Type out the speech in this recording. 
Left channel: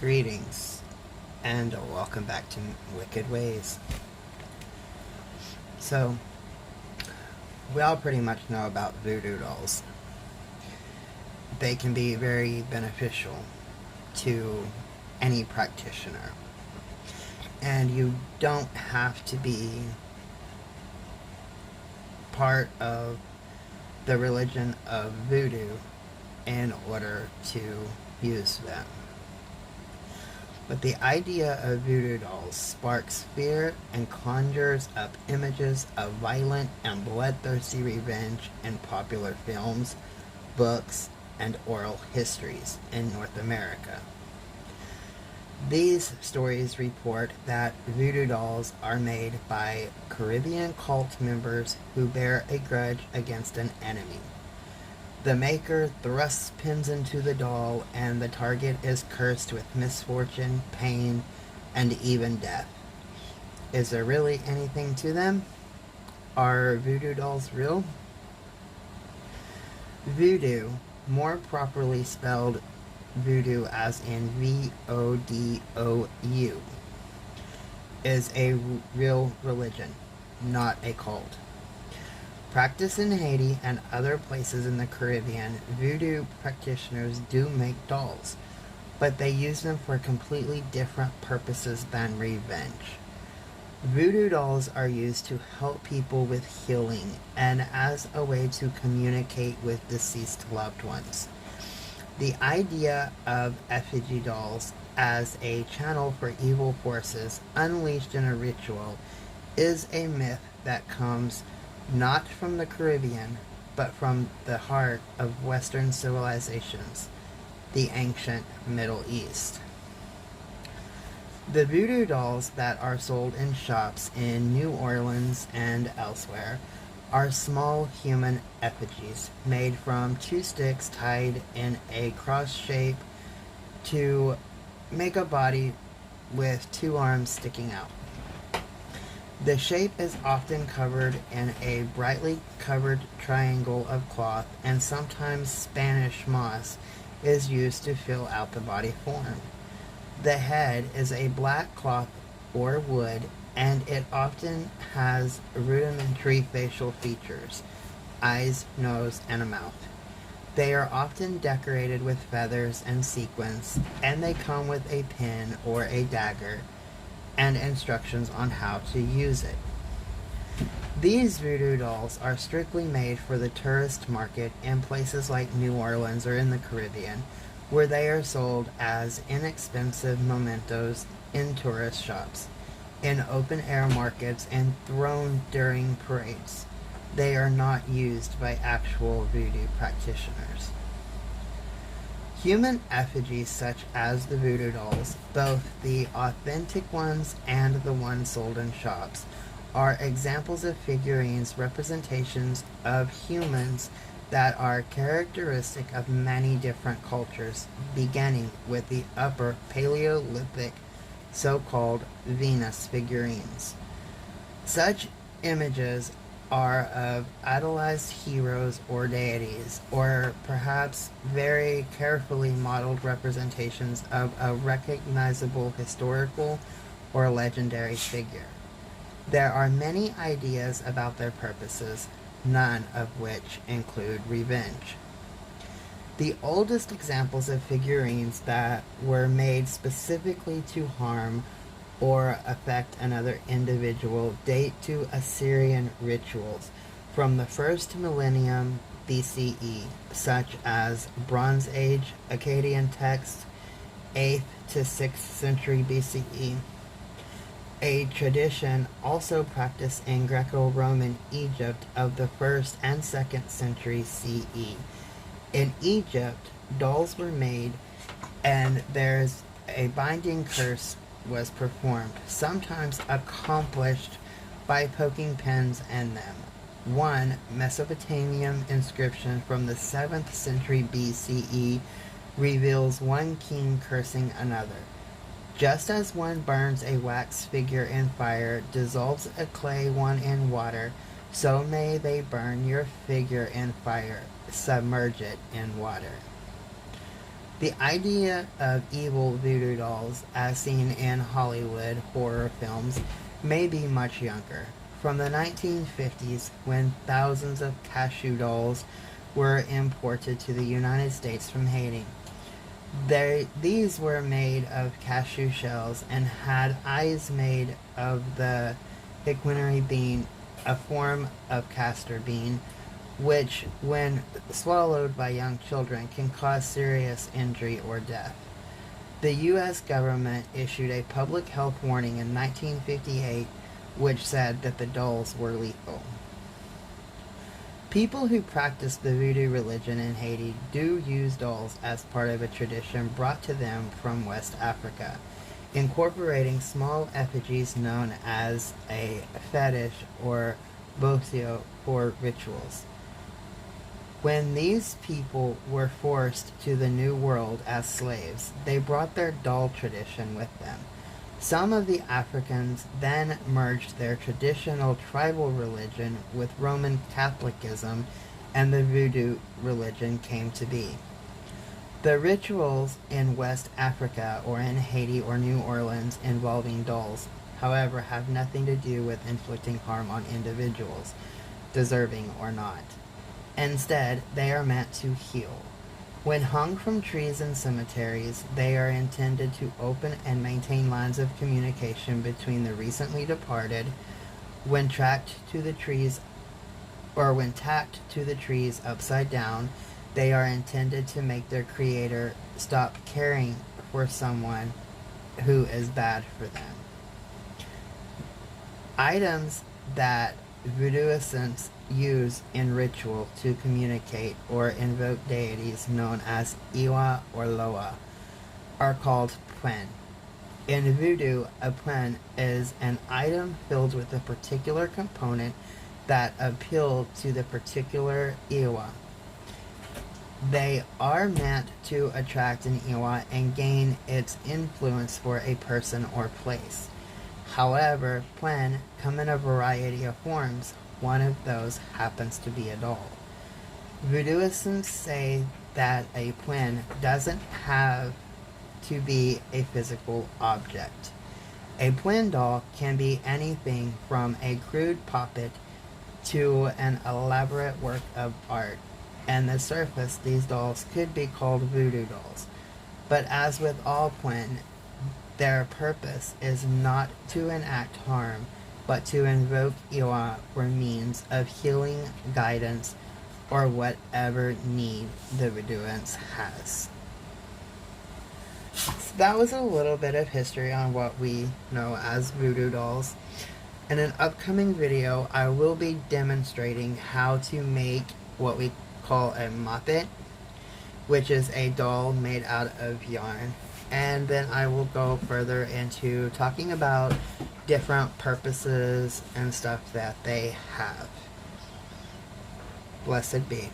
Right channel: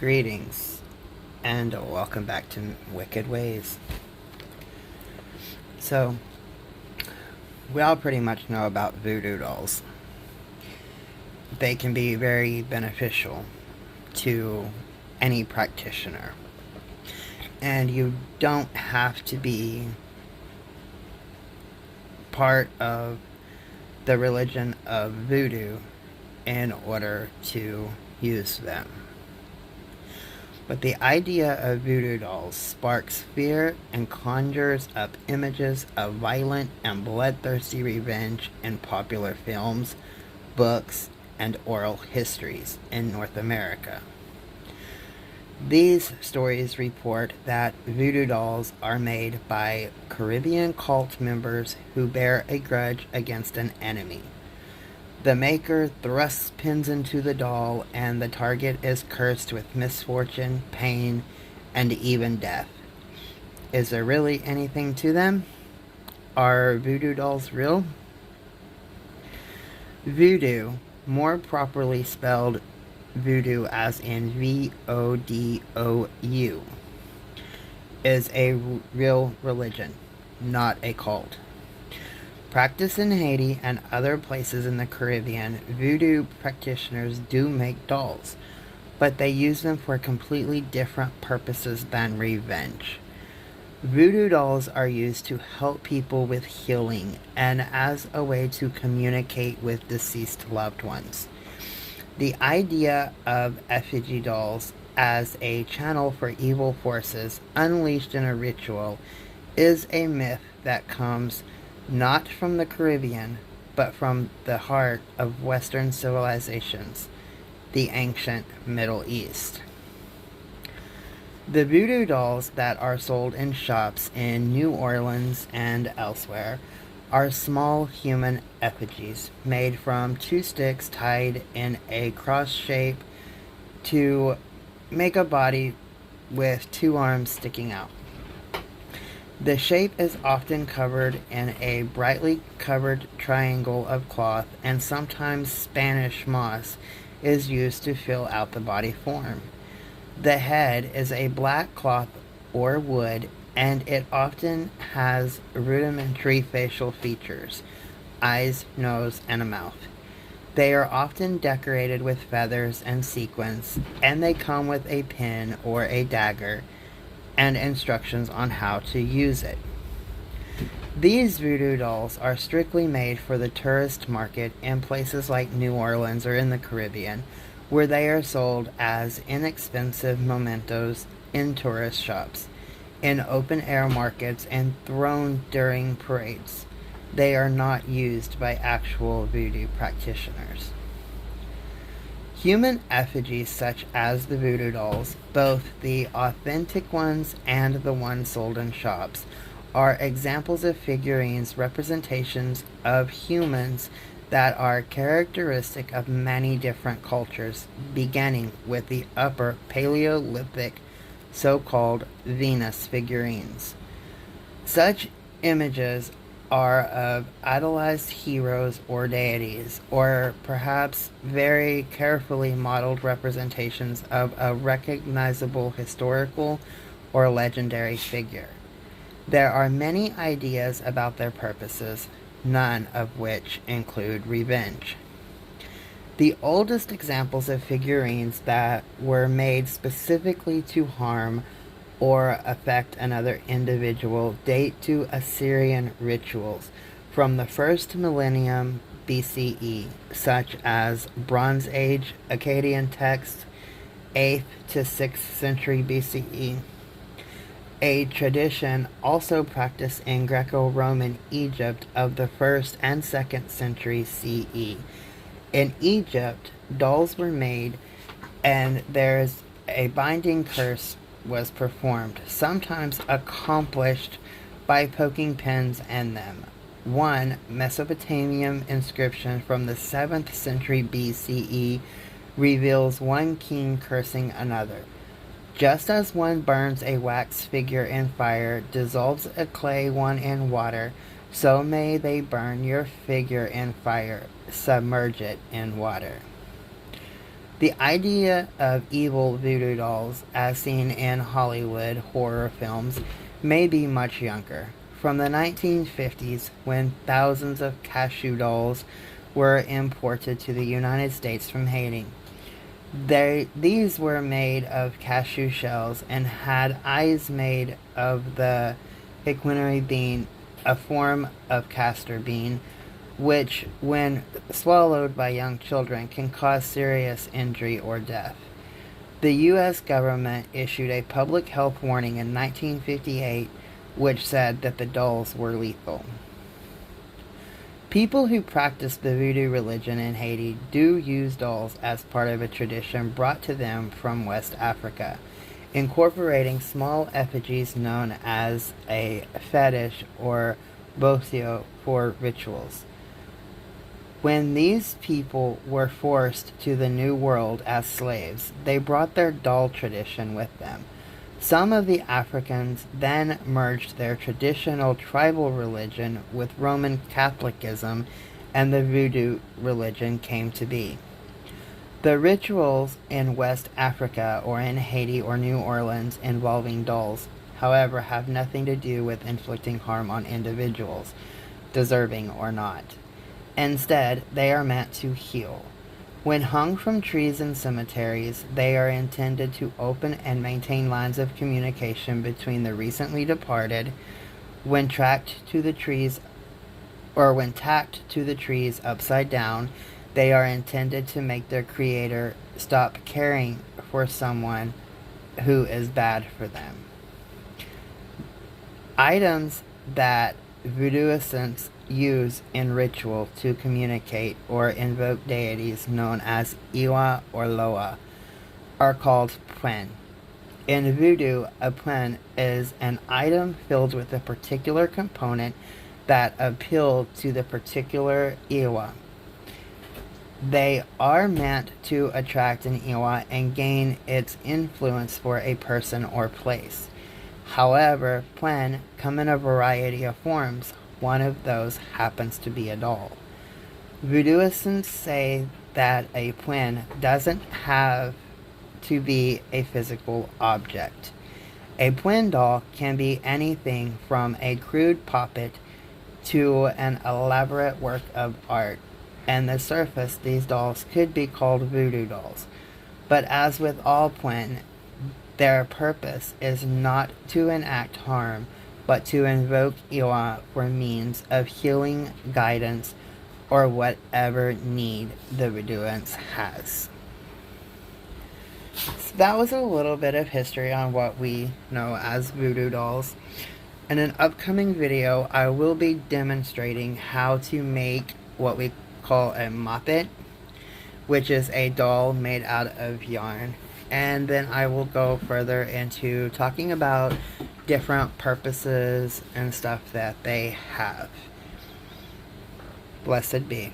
Greetings, and welcome back to Wicked Ways. So, we all pretty much know about voodoo dolls. They can be very beneficial to any practitioner. And you don't have to be part of the religion of voodoo in order to use them. But the idea of voodoo dolls sparks fear and conjures up images of violent and bloodthirsty revenge in popular films, books, and oral histories in North America. These stories report that voodoo dolls are made by Caribbean cult members who bear a grudge against an enemy. The maker thrusts pins into the doll, and the target is cursed with misfortune, pain, and even death. Is there really anything to them? Are voodoo dolls real? Voodoo, more properly spelled voodoo as in VODOU, is a real religion, not a cult. Practiced in Haiti and other places in the Caribbean, voodoo practitioners do make dolls, but they use them for completely different purposes than revenge. Voodoo dolls are used to help people with healing and as a way to communicate with deceased loved ones. The idea of effigy dolls as a channel for evil forces unleashed in a ritual is a myth that comes not from the Caribbean, but from the heart of Western civilizations, the ancient Middle East. The voodoo dolls that are sold in shops in New Orleans and elsewhere are small human effigies made from two sticks tied in a cross shape to make a body with two arms sticking out. The shape is often covered in a brightly covered triangle of cloth, and sometimes Spanish moss is used to fill out the body form. The head is a black cloth or wood, and it often has rudimentary facial features: eyes, nose, and a mouth. They are often decorated with feathers and sequins, and they come with a pin or a dagger and instructions on how to use it. These voodoo dolls are strictly made for the tourist market in places like New Orleans or in the Caribbean, where they are sold as inexpensive mementos in tourist shops, in open-air markets, and thrown during parades. They are not used by actual voodoo practitioners. Human effigies such as the voodoo dolls, both the authentic ones and the ones sold in shops, are examples of figurines, representations of humans that are characteristic of many different cultures, beginning with the Upper Paleolithic so-called Venus figurines. Such images are of idolized heroes or deities, or perhaps very carefully modeled representations of a recognizable historical or legendary figure. There are many ideas about their purposes, none of which include revenge. The oldest examples of figurines that were made specifically to harm or affect another individual date to Assyrian rituals from the first millennium BCE, such as Bronze Age Akkadian texts, 8th to 6th century BCE. A tradition also practiced in Greco-Roman Egypt of the 1st and 2nd century CE. In Egypt, dolls were made, and there's a binding curse was performed, sometimes accomplished by poking pins in them. One Mesopotamian inscription from the 7th century BCE reveals one king cursing another. Just as one burns a wax figure in fire, dissolves a clay one in water, so may they burn your figure in fire, submerge it in water. The idea of evil voodoo dolls, as seen in Hollywood horror films, may be much younger. From the 1950s, when thousands of cashew dolls were imported to the United States from Haiti. These were made of cashew shells and had eyes made of the equinary bean, a form of castor bean, which, when swallowed by young children, can cause serious injury or death. The U.S. government issued a public health warning in 1958 which said that the dolls were lethal. People who practice the voodoo religion in Haiti do use dolls as part of a tradition brought to them from West Africa, incorporating small effigies known as a fetish or bosio for rituals. When these people were forced to the New World as slaves, they brought their doll tradition with them. Some of the Africans then merged their traditional tribal religion with Roman Catholicism, and the voodoo religion came to be. The rituals in West Africa or in Haiti or New Orleans involving dolls, however, have nothing to do with inflicting harm on individuals, deserving or not. Instead, they are meant to heal. When hung from trees in cemeteries, they are intended to open and maintain lines of communication between the recently departed. When tracked to the trees, or when tacked to the trees upside down, they are intended to make their creator stop caring for someone who is bad for them. Items that voodooists use in ritual to communicate or invoke deities known as Iwa or Loa are called pwen. In voodoo, a pwen is an item filled with a particular component that appeal to the particular Iwa. They are meant to attract an Iwa and gain its influence for a person or place. However, pwen come in a variety of forms. One of those happens to be a doll. Voodooists say that a pwen doesn't have to be a physical object. A pwen doll can be anything from a crude puppet to an elaborate work of art. On the surface, these dolls could be called voodoo dolls. But as with all pwen, their purpose is not to enact harm, but to invoke Iwa for means of healing, guidance, or whatever need the voodooist has. So that was a little bit of history on what we know as voodoo dolls. In an upcoming video, I will be demonstrating how to make what we call a moppet, which is a doll made out of yarn. And then I will go further into talking about different purposes and stuff that they have. Blessed be.